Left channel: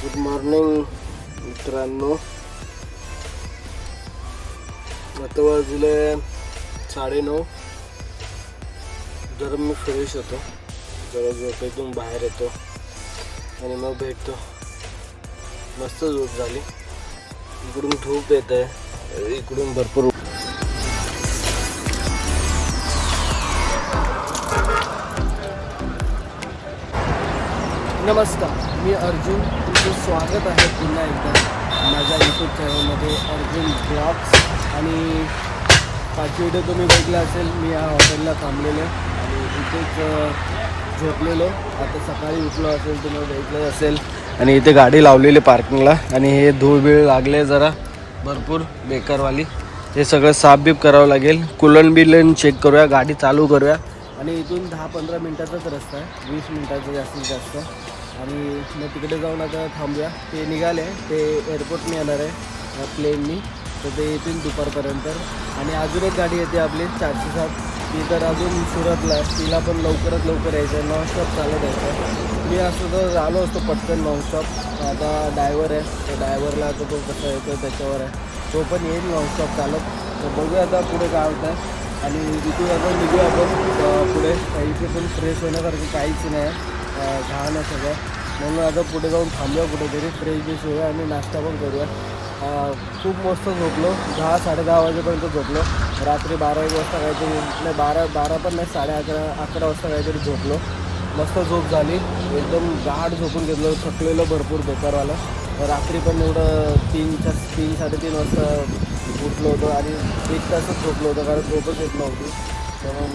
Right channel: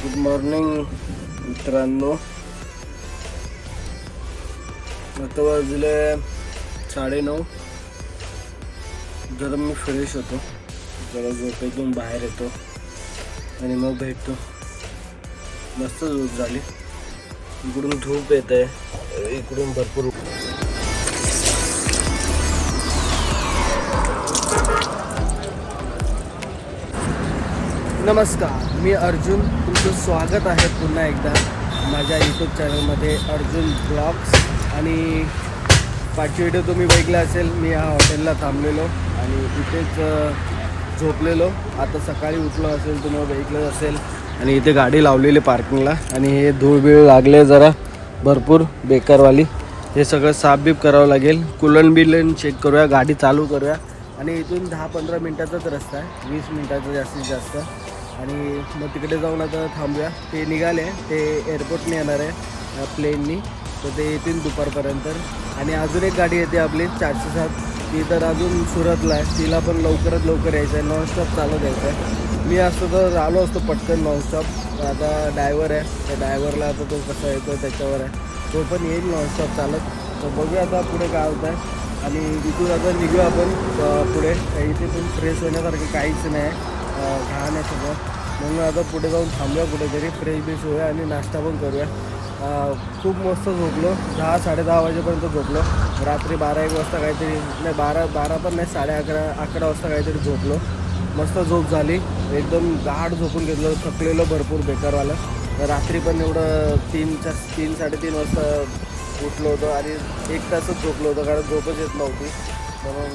Good morning मित्रांनो. आता वाजले 9:30. जरा मी फ्रेश होतो, जरा झोपेतून बाहेर येतो आणि मग भेटतो. मस्त झोप झाली. इकडून धूप येत आहे, इकडून भरपूर. नमस्कार, मी अर्जुन. तुमचं स्वागत आहे पुन्हा एकदा माझ्या यूट्यूब चॅनलमध्ये अर्जुन ब्लॉग्स. आणि पाचवी व्हिडिओ तुम्ही बघितला असेल. मी ह्या हॉटेलला थांबलेलो आणि इथेच झोपलेलो. आता सकाळी उठलो असेल, तुम्हाला बघितलं असेल. आणि इथे गाडी लावलेली पार्किंगला आणि हे धूळ लागले जरा भरपूर बेकारवाली. हे सगळं साफबीफ करावं लागेल. कुलन बिलन चेक करूया, गाडी चालू करूया. आणि इथून 10-15 मिनटाचाच रस्ता आहे, 20 मिनटाचा जास्तीत जास्त. आणि मग तिकडे जाऊन आता थांबूया. ते निघाले, ते एअरपोर्टने येणार आहे प्लेननी, तर ते येतील दुपारपर्यंत. आणि अजून एक गाडी येते आपली 407, ती तर अजून सुरतला आहे. तिला पण लवकरात लवकर यायचं आहे, नॉनस्टॉप चालत यायचं आहे. मी असतो तर आलो असतो पटकन नॉनस्टॉप. आता ड्रायव्हर आहे, त्या ड्रायव्हरला आता तो कसा येतो त्याच्यावर आहे. तो पण येईल नॉनस्टॉप चालत. तर बघूया आता पुढे काय होतं आहे. आणि इथून आता निघूया आपण पुढे. इथे पण फ्रेश होण्यासारखं काहीच नाही आहे, घाण आहे सगळं. म्हणून आता पुढे जाऊन थांबूया कुठेतरी, फ्रेश बिश होऊया आणि नाश्ता पण करूया. खूप मस्त झोपलो, 10-10:30 वाजेपर्यंत झोपलो. रात्री 12-1 वाजता काहीतरी, नाही 12 पण नाही, 11:30 वाजता काहीतरी झोपलो. मस्त झोप झाली, एकदम गाढ झोपून घेतलं. थकलेलो भरपूर बेकारवाला. रात्री पण एवढं 3-3:30 वाजता उठलो होतो आणि 1 तासच झोपलो होतो, कारण झोपच येत नव्हती. म्हणून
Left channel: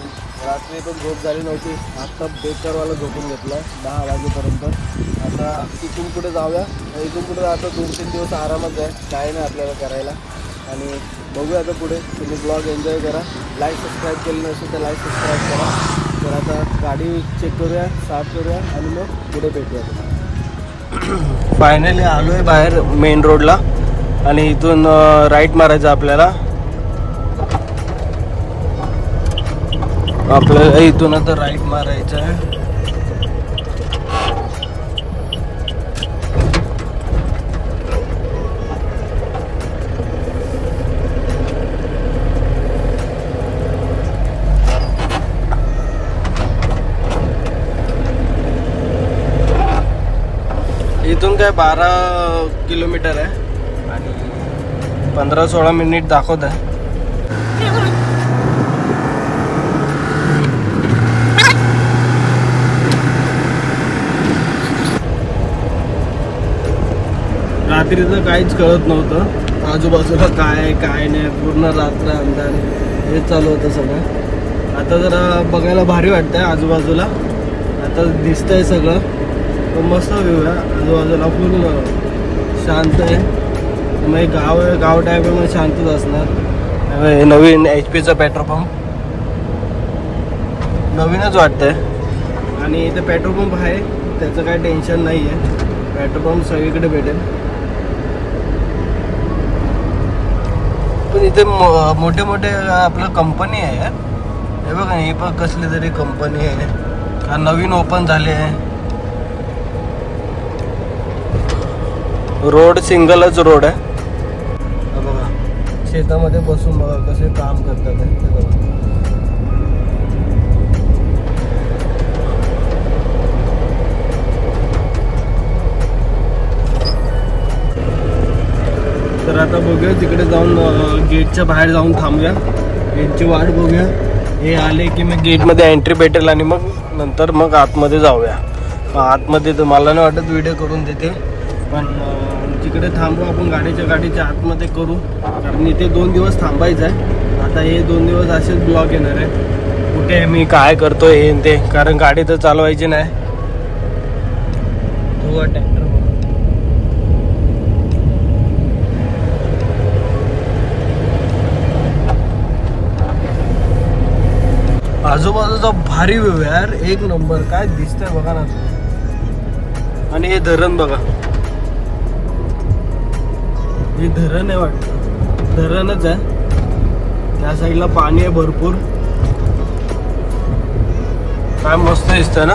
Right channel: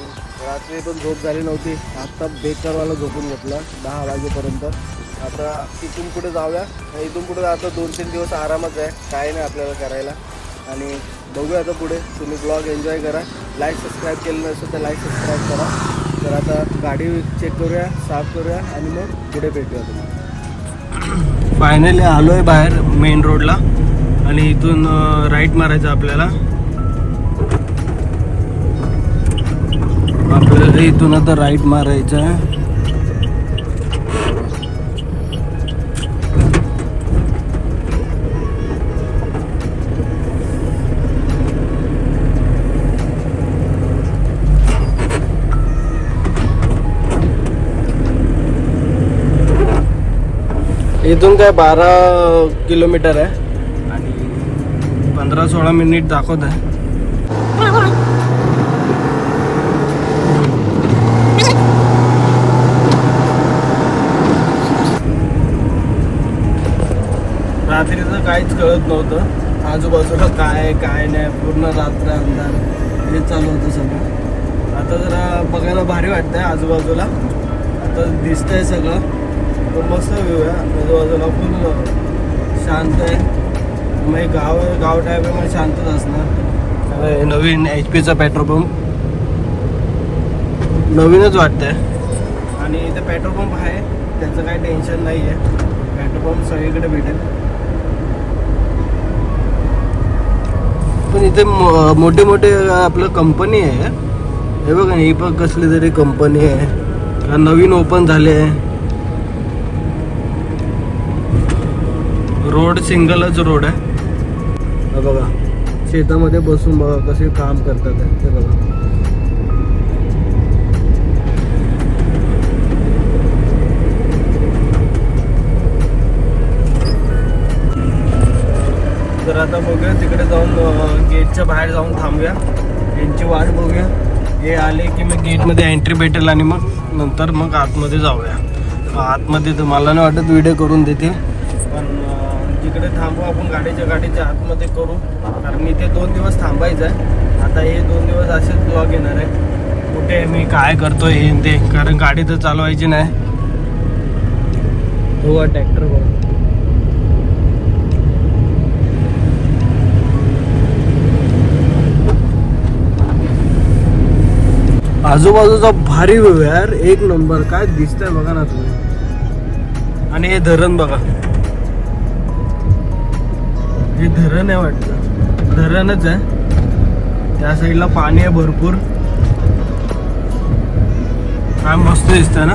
रात्री पण झोप झाली नव्हती. आत्ता बेकारवाला झोपून घेतला 10 वाजेपर्यंत. आता इथून पुढे जाऊया. इथून पुढे आता 2-3 दिवस आरामच आहे, काय नाही आपल्याला करायला. आणि बघूया आता पुढे. तुम्ही ब्लॉग एन्जॉय करा. लाईक सबस्क्राईब केलं नसेल तर लाईक सबस्क्राईब करा. तर आता गाडी चेक करूया, साफ करूया आणि मग पुढे भेटूया तुम्हाला. फायनली आलो आहे बाहेर मेन रोडला आणि इथून राईट मारायचं आपल्याला. इथून आता राईट मारायचं आहे. इथून काय 12 किलोमीटर आहे आणि 15-16 मिनिट दाखवत आहे. रात्रीचं काहीच कळत नव्हतं, आजूबाजूला काय नाही, पूर्ण रात्र अंधार हे चालू होतं सगळं. आता जरा बघायला भारी वाटतंय आजूबाजूला, आता दिसतंय सगळं. मस्त व्ह्यू आहे आजूबाजूला, पूर्ण शांत आहे. मग गाव टाईप आहे, मग शांतच असणार. हे नवीन HP चा पेट्रोल पंप नवीनच वाटतंय. आणि इथं पेट्रोल पंप आहे, त्याचं काही टेन्शन नाही आहे. पेट्रोल पंप सगळीकडे भेटेल. पण इथे मोठे आपलं कंपनी आहे. हे बघा, ही पण कसली तरी कंपनी आहे का, नवीन ओपन झाले आहे. रोड सिंगलच रोड आहे. बघा शेतामध्ये बसून बघा कसे काम करतात ते बघा. तर आता बघूया तिकडे जाऊन, गेटच्या बाहेर जाऊन थांबूया, गेटची वाट बघूया. हे आले की मग गेटमध्ये एंट्री भेटेल आणि मग नंतर मग आतमध्ये जाऊया. आतमध्ये तुम्हाला नाही वाटत व्हिडिओ करून देतील, पण तिकडे थांबू आपण, गाडीच्या आतमध्ये करू. कारण इथे 2 दिवस थांबायचं आहे. आता हे 2 दिवस असेच ब्लॉग येणार आहे, कुठे मी काय करतो हे ते, कारण गाडी तर चालवायची नाही. हो ट्रॅक्टर बघा. आजूबाजूचा भारी व्ह्यू यार, एक नंबर. काय दिसतंय बघा ना. आणि हे धरण बघा, हे धरण आहे वाटतं, धरणच आहे. त्या साईडला पाणी आहे भरपूर. काय मस्त दिसतंय ना.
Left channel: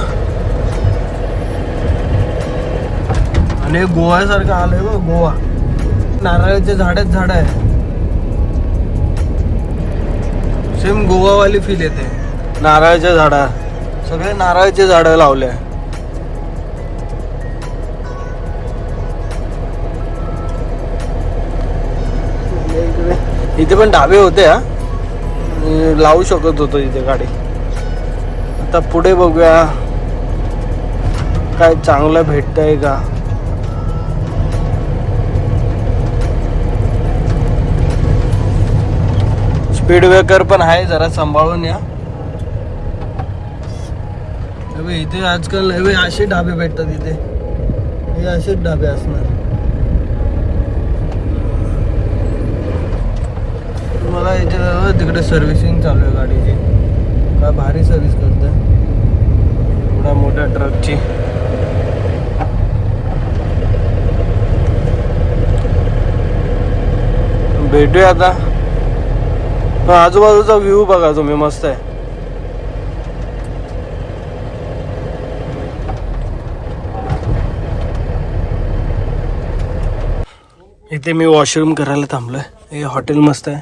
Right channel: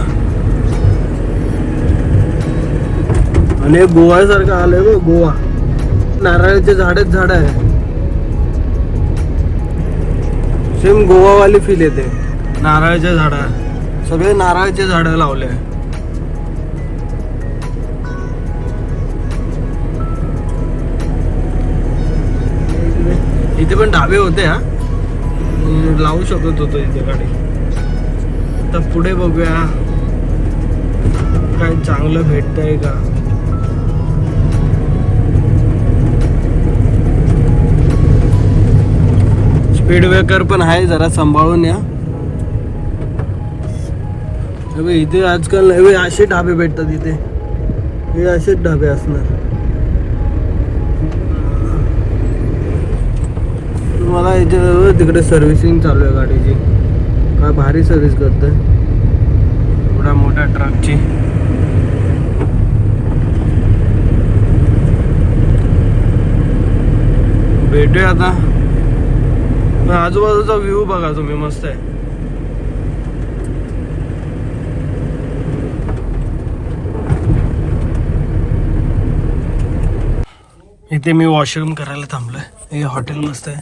आणि गोव्यासारखं आलंय बघ, गोवा. नारळाच्या झाड आहे. सेम गोवावाली फील येते. नारळाच्या झाडा, सगळे नारळाचे झाडं लावले. इथे पण ढाबे होते हा, लावू शकत होतो इथे गाडी. आता पुढे बघूया काय चांगलं भेटतंय का. स्पीड ब्रेकर पण आहे, जरा सांभाळून या. इथे आजकाल नवे असे ढाबे भेटतात. इथे हे असेच ढाबे असणार. मला याच्या तिकडे सर्व्हिसिंग चालू आहे गाडीची. काय भारी सर्व्हिस करतोय एवढ्या मोठ्या ट्रकची. भेटूया आता. आजूबाजूचा व्ह्यू बघा तुम्ही, मस्त आहे. इथे मी वॉशरूम करायला थांबलोय. हे हॉटेल मस्त आहे.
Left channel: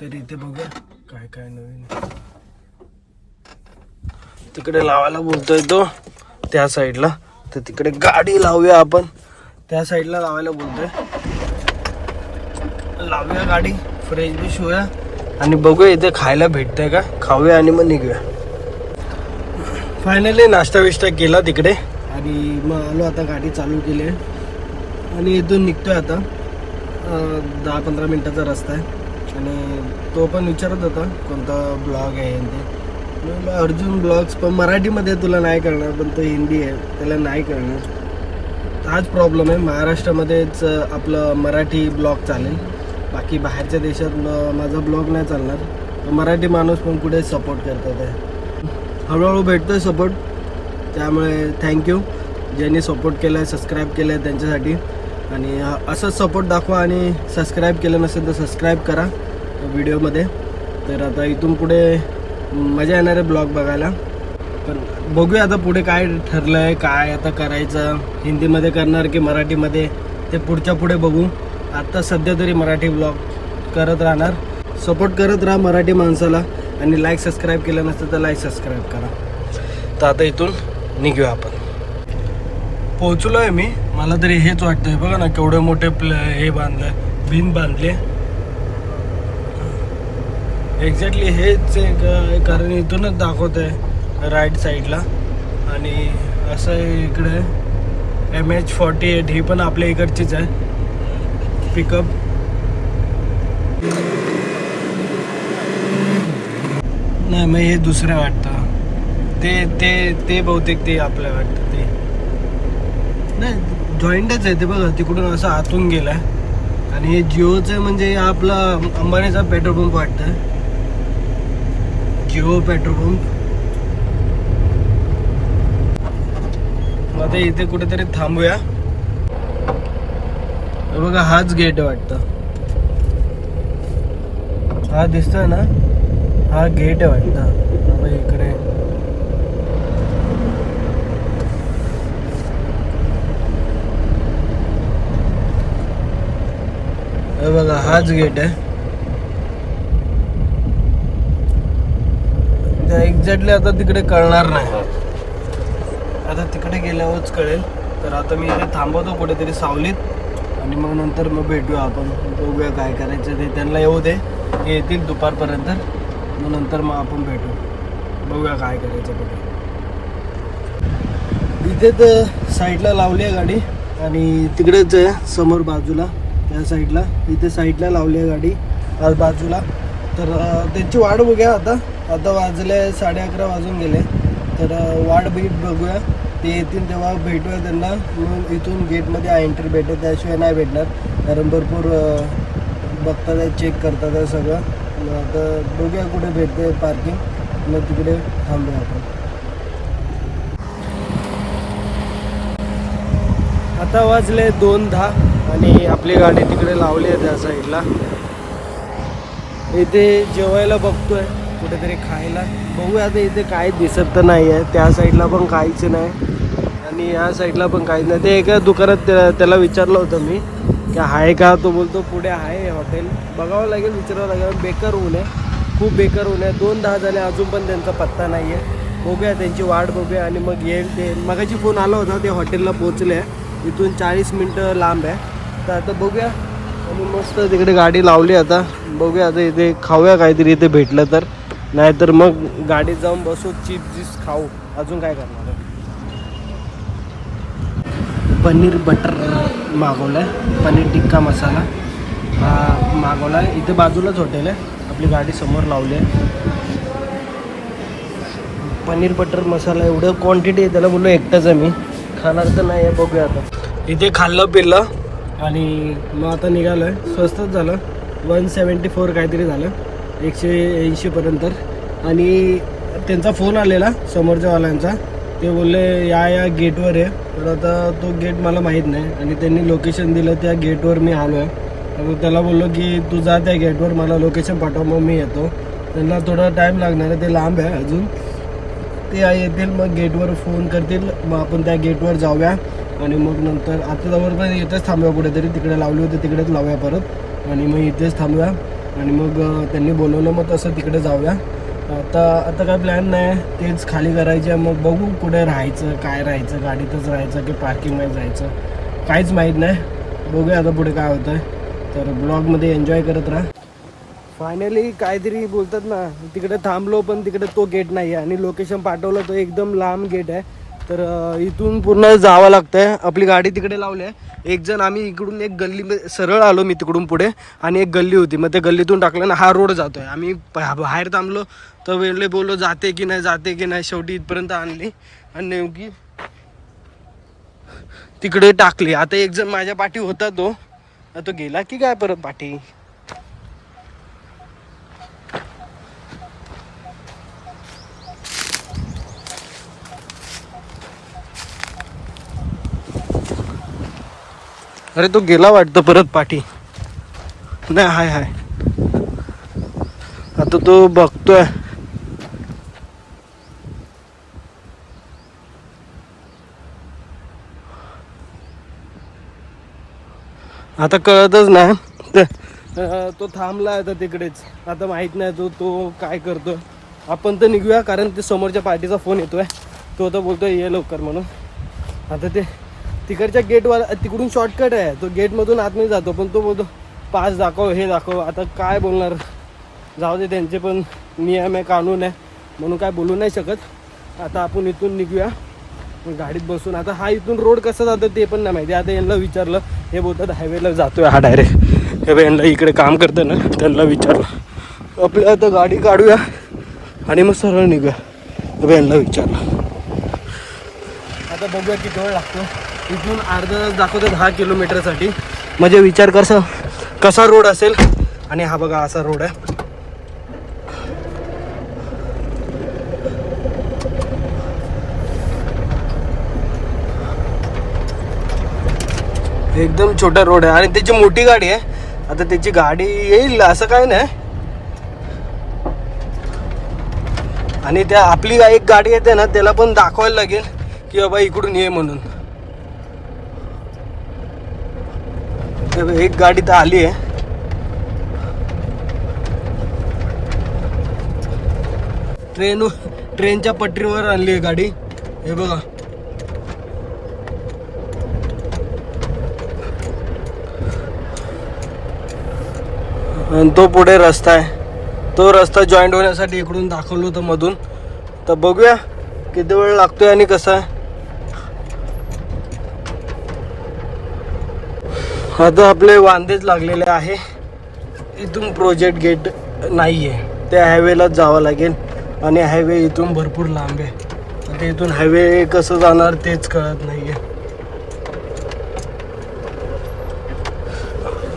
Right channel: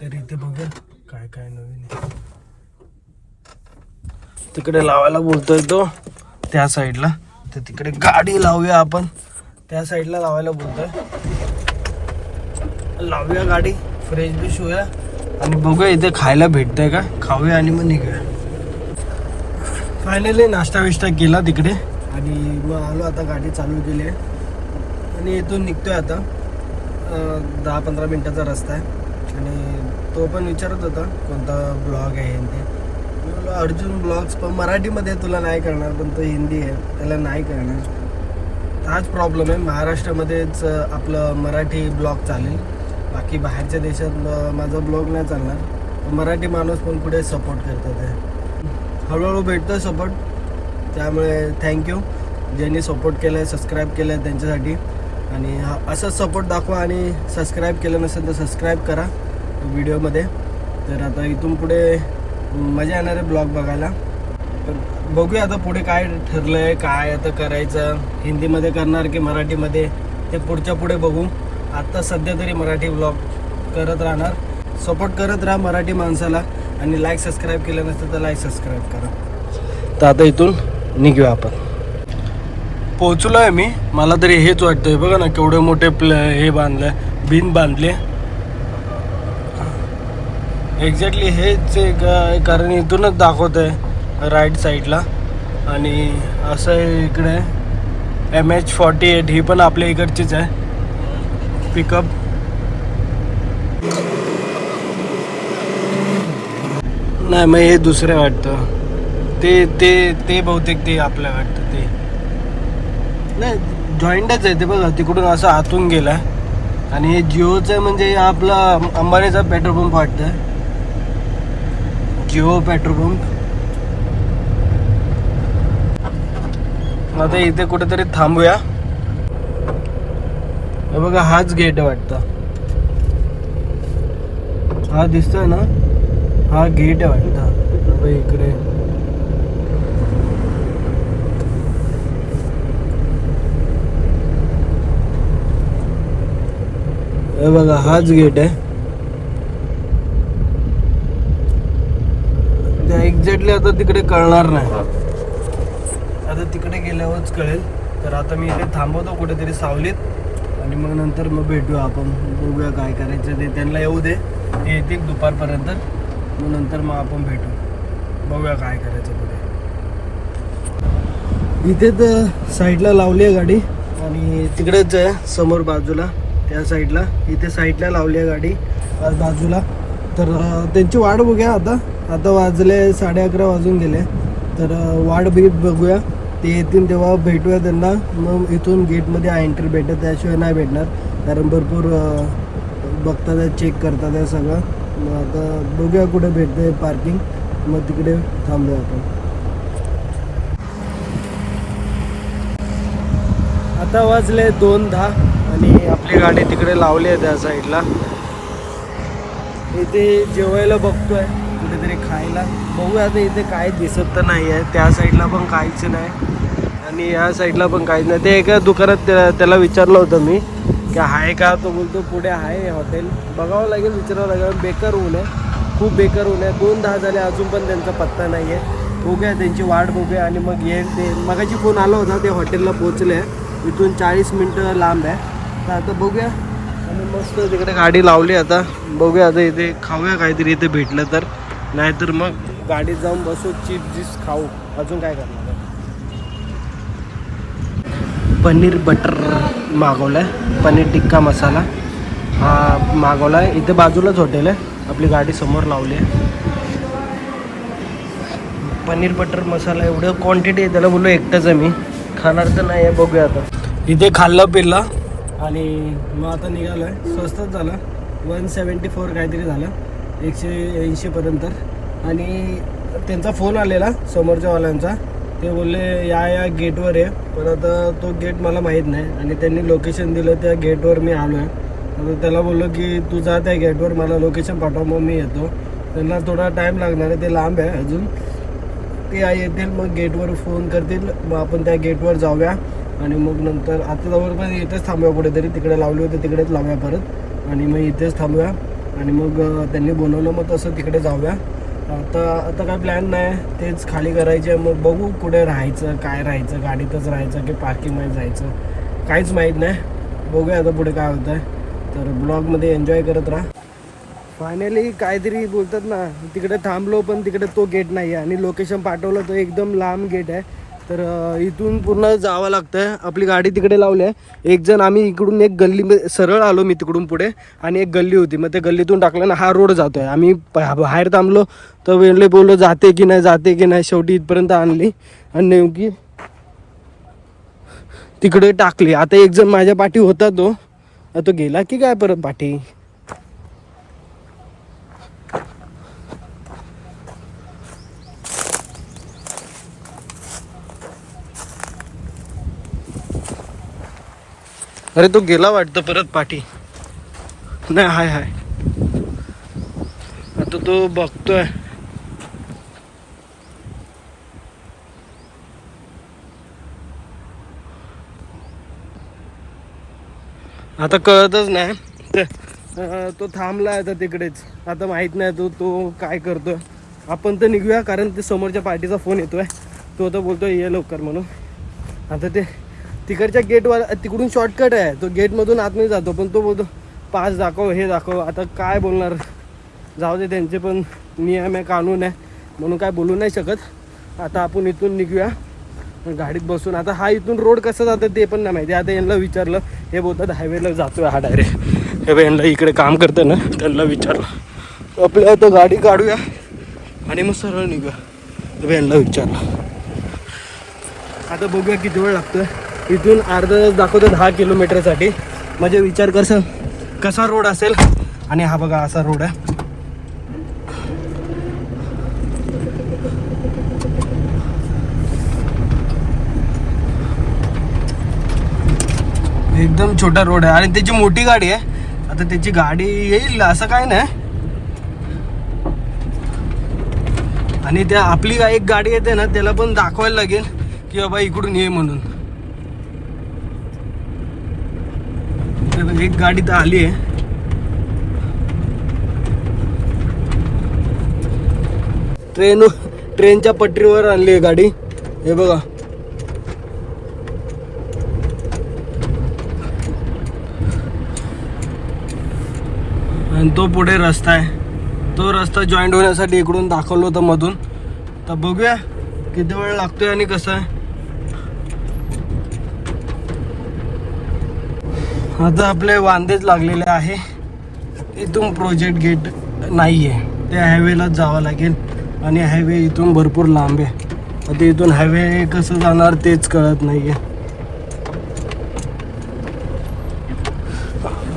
तर इथे बघू काय काय नवीन. तिकडे लावायला बोलतोय तो त्या साईडला, तर तिकडे गाडी लावूया आपण. त्या साईडला लावायला बोलतोय. लावूया गाडी, फ्रेश बिश होऊया आणि बघूया इथे खायला भेटतंय का. खाऊया आणि मग निघूया. फायनली नाश्ता विष्टा केला तिकडे आणि मग आलो. आता गाडी चालू केली आहे आणि इथून निघतोय आता. 10-15 मिनिटाचा रस्ता आहे. आणि तो पण विचारत होता कोणता ब्लॉग आहे ते. मला अर्जुन ब्लॉग्स, पण मराठीमध्ये तुला नाही कळणार, पण तो हिंदी आहे, त्याला नाही कळणार. हाच प्रॉब्लेम आहे. महाराष्ट्रामध्येच आपलं मराठी ब्लॉग चालेल, बाकी बाहेरच्या देशात माझा ब्लॉग नाही चालणार. मराठी माणूस पण कुठे सपोर्ट करतात आहे. हळूहळू भेटतो आहे सपोर्ट, त्यामुळे थँक्यू ज्यांनी सपोर्ट केलं आहे, सबस्क्राईब केलं आहे त्यांच्यासाठी. आणि असंच सपोर्ट दाखवा आणि सबस्क्राईब केलं नसेल तर सबस्क्राईब करा व्हिडिओमध्ये. तर आता इथून पुढे मजा येणार आहे ब्लॉग बघायला. तर बघूया आता पुढे काय ठरलं आहे, काय आता करायचं. हिंदीमध्ये करणार की मराठीमध्ये ते पुढच्या पुढे बघू. आत्ता सध्या तरी मराठी ब्लॉग करत राहणार. सपोर्ट करत राहा मराठी माणसाला. आणि लाईक सबस्क्राईब केलं नसतं तर लाईक सबस्क्राईब करा. तर आता इथून निघूया आपण. पोहोचलो आहे मी. मला तरी हेच वाटतंय. बघा ना केवढे मोठे हे बांधले, बिन बांधले. एक्झॅक्टली हेच कारण इथूनच दाखवत आहे राईट साईडला. आणि असं आहे इकडे MH48, ही पण आपल्या इकडचीच आहे पिकअप. नाही मग हे दुसरं वाटतं. ते बहुतेक ते आपलं वाटतं. ते नाही जॉईंटच आहे ते. बघा तिकडून असं आतून गेला. आणि हे जिओचं म्हणजे आपला अंबानीचा पेट्रोल पंप वाटतंय, जिओ पेट्रोल पंप. आता इथे कुठेतरी थांबूया. बघा हाच गेट आहे वाटतं. हा दिसतोय ना, हा गेट आहे वाटतं. इकडे बघा हाच गेट आहे. त्या एक्झॅक्टली आता तिकडे कळणार नाही, आता तिकडे गेल्यावरच कळेल. तर आता मी इथे थांबवतो कुठेतरी सावलीत आणि मग नंतर मग भेटूया आपण. बघूया काय करायचं ते. त्यांना येऊ दे, हे येतील दुपारपर्यंत. मग नंतर मग आपण भेटू, बघूया काय करायचं कुठे. इथे तर साईडला लावली आहे गाडी आणि तिकडेच आहे समोर बाजूला त्या साईडला. इथे साईडला लावली आहे गाडी बाजूला. तर त्यांची वाट बघूया. आता वाजले 11:30 वाजून गेले. तर वाट बीट बघूया, ते येतील तेव्हा भेटूया त्यांना. मग इथून गेटमध्ये एंट्री भेटेल, त्याशिवाय नाही भेटणार. कारण भरपूर बघतात आहे, चेक करतात आहे सगळं. मग आता बघूया कुठे भेटते पार्किंग, मग तिकडे थांबूया आपण. आता वाजले 2:10 आणि आपली गाडी तिकडे लावली आहे त्या साईडला. इथे जेवायला बघतोय कुठेतरी खायला. बघूया आता. इथे काय दिसत तर नाही आहे, त्या साईडला पण काहीच नाही. आणि या साईडला पण काहीच नाही. ते एका दुकानात त्याला विचारलं होतं मी की आहे का, तो बोलतो पुढे आहे हॉटेल, बघावं लागेल, विचारावं लागेल. बेकार ऊन आहे, खूप बेकार ऊन आहे. 2:10 झाले अजून पण त्यांचा पत्ता नाही आहे. बघूया, त्यांची वाट बघूया आणि मग येईल. ते मगाची फोन आला होता, ते हॉटेलला पोहोचले आहे, इथून 40 मिनटं लांब आहे. तर आता बघूया. आणि मस्त तिकडे गाडी लावली. आता बघूया, आता इथे खाऊया काहीतरी इथे भेटलं तर, नाहीतर मग गाडीत जाऊन बसू, चिप्स खाऊ. अजून काय करणार आहे. पनीर बटर मागवलं आहे, पनीर टिक्का मसाला हा मागवला आहे. इथे बाजूलाच हॉटेल आहे, आपली गाडी समोर लावली आहे. पनीर बटर मसाला एवढं क्वांटिटी आहे, त्याला बोललो एकटाच आहे मी, खाणार तर नाही आहे. बघूया आता. इथे खाल्लं पिल्लं आणि मग आता निघालं आहे. स्वस्तच झालं, 174 काहीतरी झालं, 180पर्यंत. आणि त्यांचा फोन आलेला समोरच्या वाल्यांचा, ते बोलले या गेटवर आहे, पण आता तो गेट मला माहीत नाही. आणि त्यांनी लोकेशन दिलं, त्या गेटवर मी आलो आहे. मग त्याला बोललो की तू जा त्या गेटवर, मला लोकेशन पाठव, मग मी येतो. त्यांना थोडा टाईम लागणार आहे, ते लांब आहे अजून. ते येतील, मग गेटवर फोन करतील, मग आपण त्या गेटवर जाऊया. आणि मग नंतर आता जवळ पण इथेच थांबूया, कुठेतरी तिकडे लावली होती तिकडेच लावूया परत, आणि मग इथेच थांबूया. आणि मग त्यांनी बोलवलं, मग तसं तिकडे जाऊया. आता काय प्लॅन नाही, तेच खाली करायचे. मग बघू कुठे राहायचं, काय राहायचं, गाडीतच राहायचं की पार्किंगमध्ये जायचं, काहीच माहीत नाही. बघूया आता पुढे काय होतं आहे. तर ब्लॉगमध्ये एन्जॉय करत राहा. फायनली काहीतरी बोलतात ना, तिकडे थांबलो पण तिकडे तो गेट नाही आहे, आणि लोकेशन पाठवलं तो एकदम लांब गेट आहे. तर इथून पुन्हा जावं लागतं आहे. आपली गाडी तिकडे लावली आहे. एक जण आम्ही इकडून एक गल्ली सरळ आलो, मी तिकडून पुढे, आणि एक गल्ली होती, मग त्या गल्लीतून टाकलं ना, हा रोड जातो आहे. आम्ही बाहेर थांबलो तर वेळले बोललो जाते की नाही, जाते की नाही. शेवटी इथपर्यंत आणली आणि नेमकी तिकडे टाकली. आता एक जण माझ्या पाठी होता, तो गेला की काय परत पाठी. अरे तो गेला वाटतं परत पाठी. नाही, हाय. आता तो बघतोय. आता कळतच नाही, तो थांबला आहे आता तिकडेच. आता माहीत नाही तो काय करतोय. आपण तर निघूया, कारण ते समोरच्या पार्टीचा फोन येतोय. तो आता बोलतोय ये लवकर म्हणून. आता ते तिकडच्या गेटवर, तिकडून शॉर्टकट आहे, तो गेटमधून आतमध्ये जातो, पण तो बोलतो पास दाखव, हे दाखव. आता काय बोलणार, जाऊ दे, त्यांचे पण नियम आहे, कानून आहे, म्हणून काय बोलू नाही शकत. आता आपण इथून निघूया गाडीत बसून. आता हा इथून रोड कसं जातं ते पण नाही माहिती. आता यांना विचारलं, हे बोलतात हायवेला जातोय हा डायरेक्ट. हे यांना इकडे काम करतं ना, त्यांना विचारलं. आपल्या आता गाडी काढूया आणि मग सरळ निघूया. तर यांना विचारलं. आता बघूया किती वेळ लागतो. इथून अर्धा तास दाखवतो 10 किलोमीटरसाठी. म्हणजे विचार कसा रोड असेल. आणि हा बघा असा रोड आहे. एकदम छोटा रोड आहे, आणि त्याची मोठी गाडी आहे. आता त्याची गाडी येईल असं काय नाही. आणि त्या आपली एक गाडी येते ना, त्याला पण दाखवायला लागेल की बाबा इकडून ये म्हणून. एक गाडी तर आली आहे. ट्रेनच्या पटरीवर आणली आहे गाडी. हे बघा, आणि तो पुढे रस्ता आहे. तो रस्ता जॉईंट होण्यासाठी इकडून दाखवलं होतं मधून. तर बघूया किती वेळ लागतोय आणि कसं आहे. आता आपले वांदेच लागलेले आहे. इथून प्रोजेक्ट गेट नाही आहे, त्या हायवेलाच जावं लागेल. आणि हायवे इथून भरपूर लांब आहे. आता इथून हायवे कसं जाणार तेच कळत नाही आहे.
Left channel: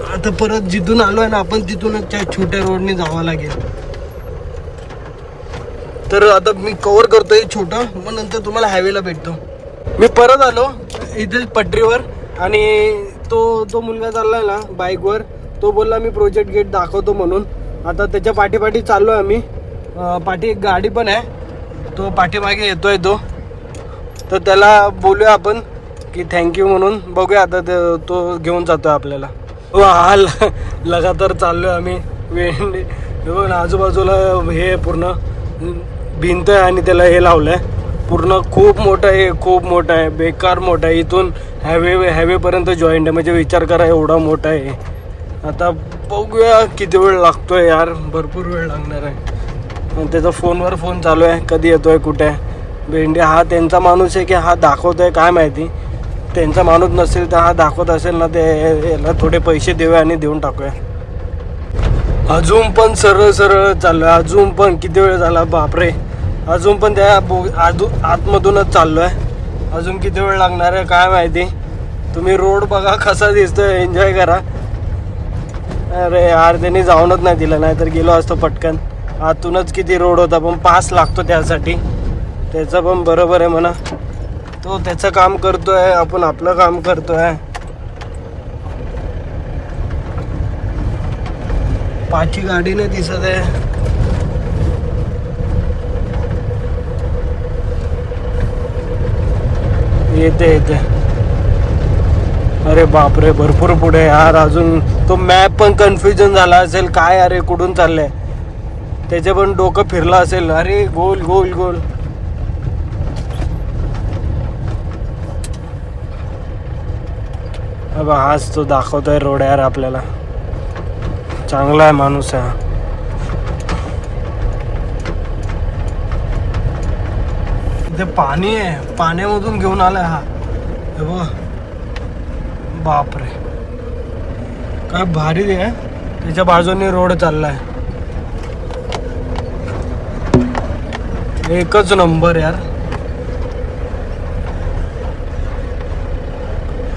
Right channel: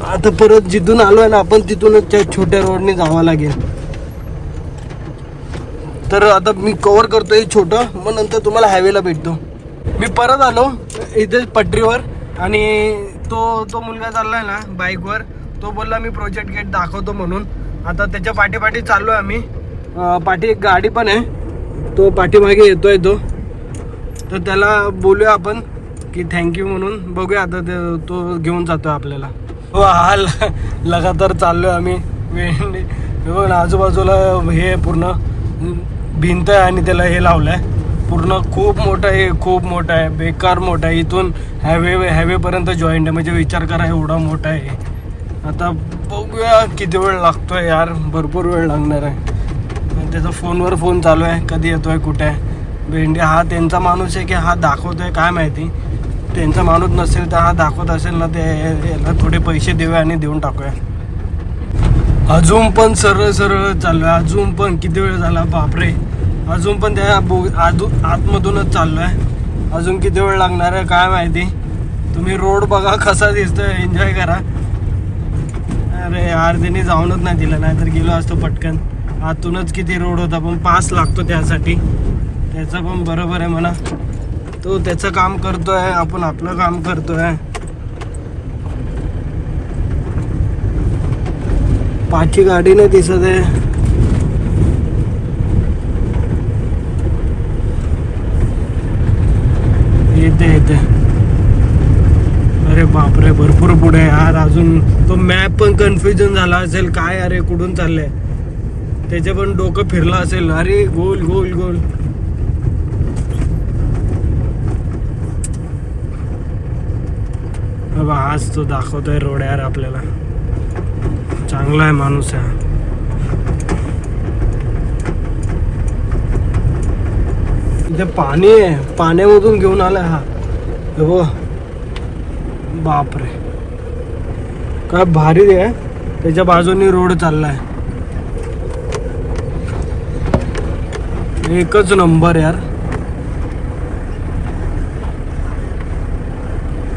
आता परत जिथून आलोय ना आपण, तिथूनच त्या छोट्या रोडने जावं लागेल. तर आता मी कव्हर करतो हे छोटं, मग नंतर तुम्हाला हायवेला भेटतो. मी परत आलो इथे पटरीवर, आणि तो मुलगा चाललाय ना बाईकवर, तो बोलला मी प्रोजेक्ट गेट दाखवतो म्हणून. आता त्याच्या पाठीपाठी चाललो आहे आम्ही. पाठी एक गाडी पण आहे, तो पाठीमागे येतोय तो. तर त्याला बोलूया आपण की थँक्यू म्हणून. बघूया आता तो घेऊन जातो आपल्याला. हा लगातार चाललोय आम्ही. बघ ना आजूबाजूला हे पूर्ण भिंत आहे आणि त्याला हे लावलंय पूर्ण. खूप मोठं आहे, खूप मोठं आहे, बेकार मोठं आहे. इथून हायवेपर्यंत जॉईंट आहे, म्हणजे विचार करा एवढा मोठा आहे. आता बघूया किती वेळ लागतोय यार, भरपूर वेळ लागणार आहे. आणि त्याचा फोनवर फोन चालू आहे, कधी येतोय कुठे आहे. भेंडे हा त्यांचा माणूस आहे की हा दाखवतोय काय माहिती. त्यांचा माणूस नसेल तर हा दाखवत असेल ना, ते याला थोडे पैसे देऊया आणि देऊन टाकूया. अजून पण सरळ सरळ चाललोय, अजून पण किती वेळ झाला बापरे. अजून पण त्या आतमधूनच चाललोय. अजून किती वेळ लागणार आहे काय माहिती. तुम्ही रोड बघा कसा दिसतोय, एन्जॉय करा. अरे यार त्यांनी जाऊनच नाही दिलं, नाही तर गेलो असतो पटकन. आतूनच किती रोड होता, पण पास लागतो त्यासाठी. त्याचं पण बरोबर आहे म्हणा. तो त्याचं काम करतोय, आपण आपलं काम करतोय. पाठी गाडी नाही दिसत आहे. येते. अरे बापरे भरपूर पुढे यार. अजून तो मॅप पण कन्फ्युजन झाला असेल काय, अरे कुठून चाललंय त्याचे पण डोकं फिरलं असेल. अरे गोल गोल गोल. हाच तो दाखवतोय रोड यार आपल्याला. चांगला आहे माणूस आहे. इथे पाणी आहे, पाण्यामधून घेऊन आलाय हा. हो बापरे काय भारी आहे. त्याच्या बाजूने रोड चाललाय, एकच नंबर यार.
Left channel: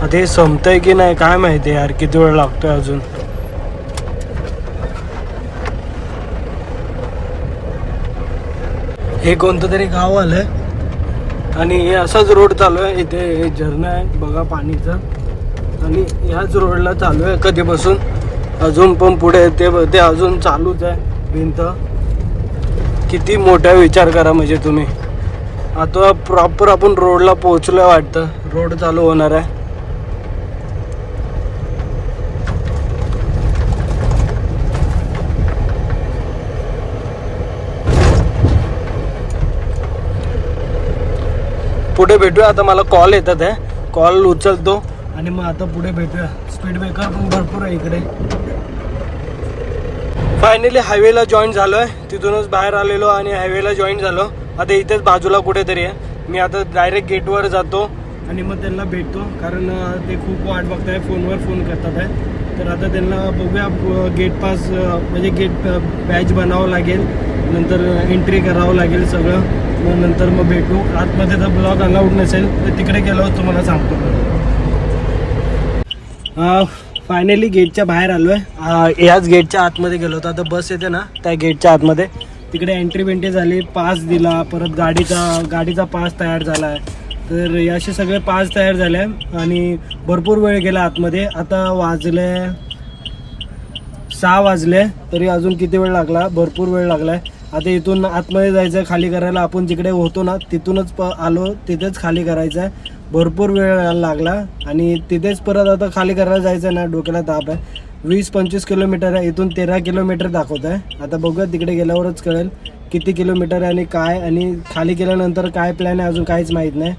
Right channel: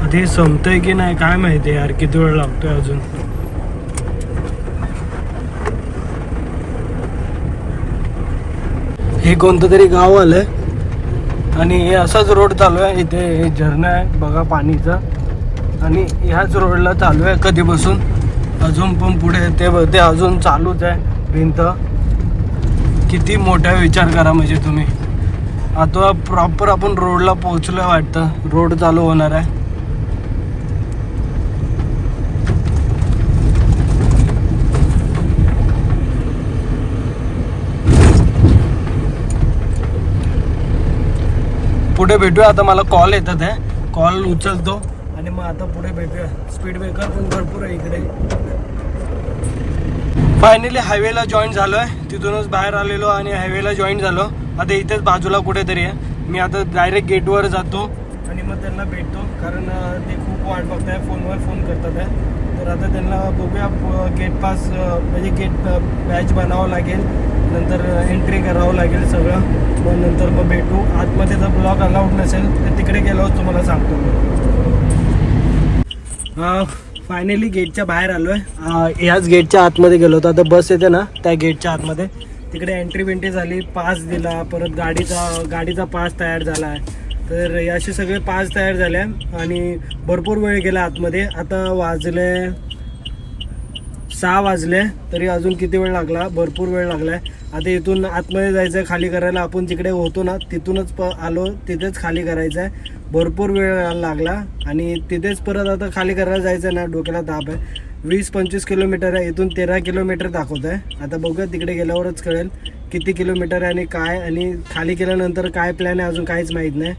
आता हे संपतंय की नाही काय माहिती यार, किती वेळ लागतोय अजून. हे कोणतं तरी गाव आलं आणि हे असाच रोड चालू आहे. इथे झरणा आहे बघा पाणीचा, आणि ह्याच रोडला चालू आहे कधीपासून. अजून पण पुढे ते अजून चालूच आहे भिंत. किती मोठा विचार करा म्हणजे तुम्ही. आता प्रॉपर आपण रोडला पोहोचलोय वाटतं, रोड चालू होणार आहे. पुढे भेटूया. आता मला कॉल येतात आहे, कॉल उचलतो आणि मग आता पुढे भेटूया. स्पीड ब्रेकर पण भरपूर आहे इकडे. फायनली हायवेला जॉईन झालो आहे, तिथूनच बाहेर आलेलो आणि हायवेला जॉईन झालो. आता इथेच बाजूला कुठेतरी आहे. मी आता डायरेक्ट गेटवर जातो आणि मग त्यांना भेटतो, कारण ते खूप वाट बघताय, फोनवर फोन करतात आहे. तर आता त्यांना बघूया, गेट पास म्हणजे गेट बॅच बनावं लागेल, नंतर एंट्री करावं लागेल सगळं. मग नंतर मग भेटू. आतमध्ये जर ब्लॉग अलाउड नसेल तर तिकडे गेल्यावर तुम्हाला सांगतो. फायनली गेटच्या बाहेर आलो आहे. याच गेटच्या आतमध्ये गेलो होतो. आता बस येते ना त्या गेटच्या आतमध्ये, तिकडे एंट्री झाली, पास दिला, परत गाडीचा पास तयार झाला आहे. तर असे सगळे पास तयार झाले आणि भरपूर वेळ गेला आतमध्ये. आता वाजले 6 वाजले, तरी अजून किती वेळ लागला, भरपूर वेळ लागला आहे. आता इथून आतमध्ये जायचं आहे खाली करायला. आपण जिकडे होतो ना तिथूनच आलो, तिथेच खाली करायचं आहे. भरपूर वेळ लागला आणि तिथेच परत आता खाली करायला जायचं आहे ना, डोक्याला ताप आहे. 20-25 किलोमीटर आहे, इथून 13 किलोमीटर दाखवत आहे. आता बघूया तिकडे गेल्यावरच कळेल किती किलोमीटर आहे आणि काय, आणि खाली केल्यानंतर काय प्लॅन आहे अजून काहीच माहीत नाही.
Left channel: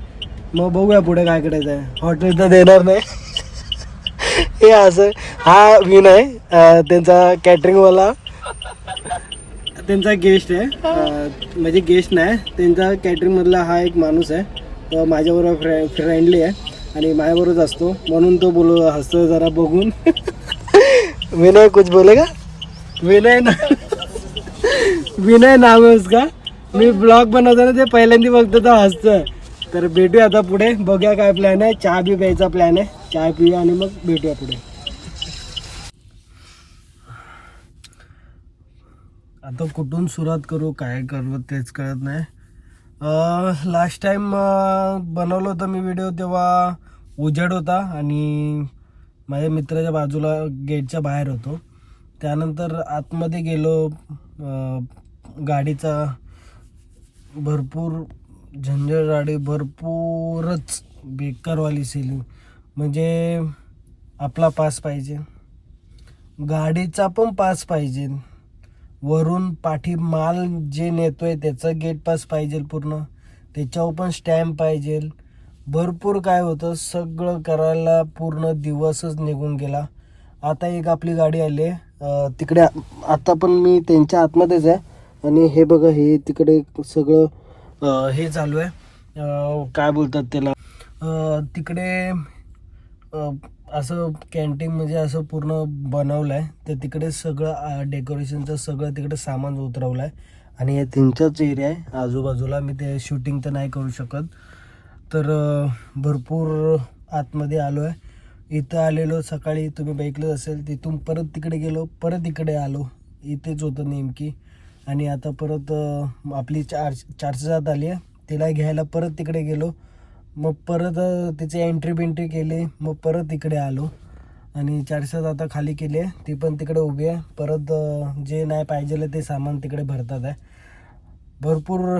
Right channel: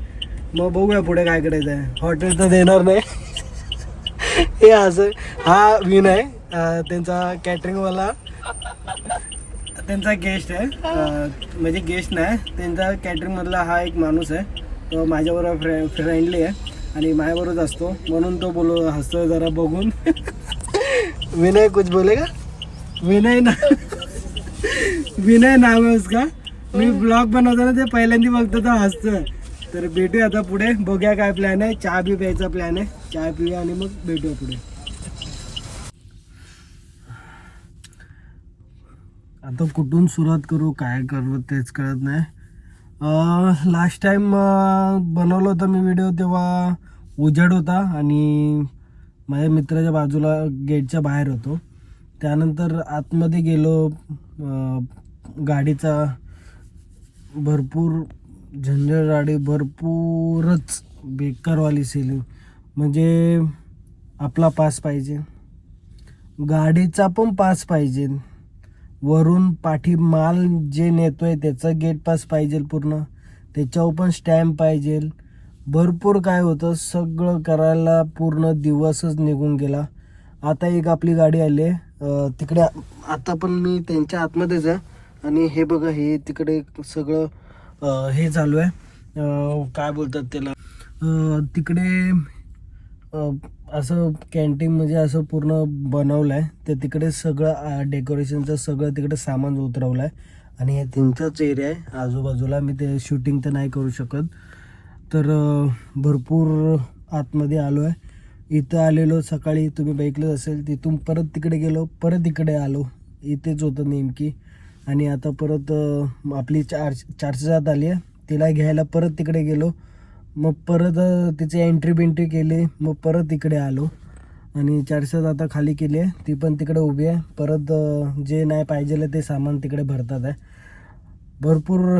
मग बघूया पुढे काय करायचं आहे. हॉटेल तर देणार नाही हे असं. हा विनय त्यांचा कॅटरिंगवाला, त्यांचा गेस्ट आहे, म्हणजे गेस्ट नाही, त्यांचा कॅटरिंगमधला हा एक माणूस आहे. तो माझ्याबरोबर फ्रेंडली आहे आणि माझ्याबरोबरच असतो, म्हणून तो हसतो जरा बघून. विनय कुछ बोलेगा? विनय नाव आहे उसका. मी ब्लॉग बनवताना ते पहिल्यांदा बघतो तर हसतोय. तर भेटूया आता पुढे, बघूया काय प्लॅन आहे. चहा बी प्यायचा प्लॅन आहे, चहा पिऊया आणि मग भेटूया पुढे. आता कुठून सुरुवात करू, काय करू तेच कळत नाही. लास्ट टाइम बनवलं होतं मी व्हिडिओ, तेव्हा उजेड होता आणि माझ्या मित्राच्या बाजूला गेटच्या बाहेर होतो. त्यानंतर आतमध्ये गेलो, गाडीचा भरपूर झंझटगाडी भरपूरच बेकारवाली सेलिंग. म्हणजे आपला पास पाहिजे, गाडीचा पण पास पाहिजे, वरून पाठी माल जे नेतोय त्याचं गेट पास पाहिजे पूर्ण, त्याच्यावर पण स्टॅम्प पाहिजे. भरपूर काय होतं, सगळं करायला पूर्ण दिवसच निघून गेला. आता एक आपली गाडी आली आहे तिकडे, आता पण मी त्यांच्या आतमध्येच आहे. आणि हे बघा, हे तिकडे सगळं हे चालू आहे, काय बोलतात त्याला, तिकडे असं कॅन्टीन म्हणजे असं पूर्ण बनवलं आहे. तर तिकडे सगळं डेकोरेशनचं सगळं तिकडे सामान उतरवलं आहे. आणि हे त्यांचाच एरिया आहे आजूबाजूला, मी ते शूटिंग तर नाही करू शकत. तर भरपूर आतमध्ये आलो आहे. इथं आलेलो सकाळी, तुम्ही बघितलं असेल. तिथून परत तिकडे गेलो, परत इकडे आलो, इथेच होतं नेमकी. आणि आता परत आपली 407 आली आहे, तिला घ्यायला परत तिकडे गेलो. मग परत तिची एंट्री केली, मग परत इकडे आलो. आणि 407 आता खाली केली आहे, ती पण तिकडे उभी आहे. परत जे नाही पाहिजे ते सामान तिकडे भरतात आहे. भरपूर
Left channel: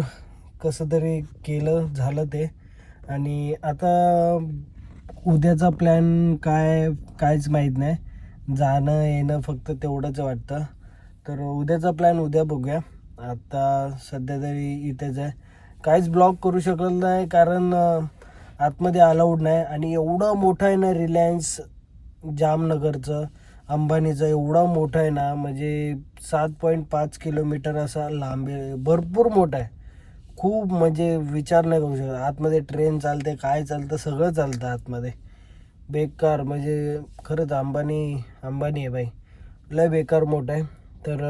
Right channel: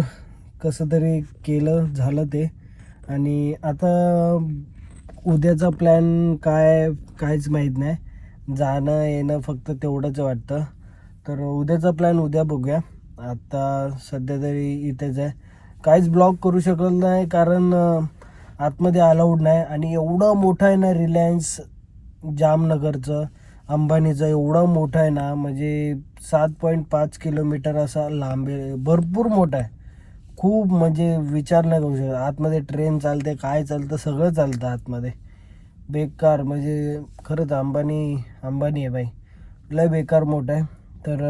कसं तरी केलं, झालं ते. आणि आता उद्याचा प्लॅन कायच माहीत नाही, जाणं येणं फक्त तेवढंच वाटतं. तर उद्याचा प्लॅन उद्या बघूया. आता सध्या तरी इथेच आहे, काहीच ब्लॉग करू शकत नाही कारण आतमध्ये अलाउड नाही. आणि एवढा मोठा आहे ना रिलायन्स जामनगरचं, अंबानीचं एवढा मोठा आहे ना, म्हणजे 7.5 किलोमीटर असा लांब आहे, भरपूर मोठा आहे खूप. म्हणजे विचार नाही करू शकत. आतमध्ये ट्रेन चालते, काय चालतं, सगळं चालतं आतमध्ये. बेकार म्हणजे खरंच अंबानी आहे बाई, लय बेकार मोठं आहे. तर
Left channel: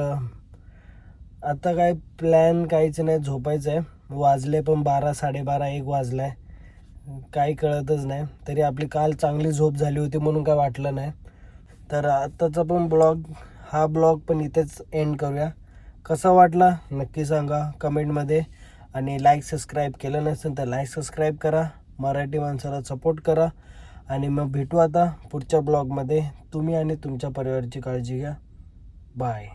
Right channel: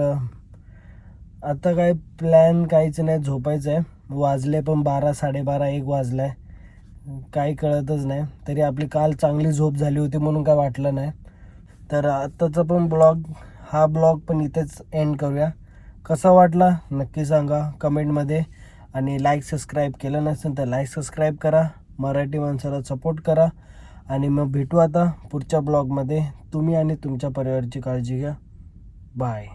आता काय प्लॅन काहीच नाही, झोपायचं आहे. वाजले पण 12, 12:30, 1 वाजला आहे, काही कळतच नाही. तरी आपली काल चांगली झोप झाली होती म्हणून काय वाटलं नाही. तर आत्ताचा पण हा ब्लॉग पण इथेच एंड करूया. कसा वाटला नक्की सांगा कमेंटमध्ये. आणि सबस्क्राईब केलं नसेल तर सबस्क्राईब करा, मराठी माणसाला सपोर्ट करा. आणि मग भेटू आता पुढच्या ब्लॉगमध्ये. तुम्ही आणि तुमच्या परिवाराची काळजी घ्या. बाय.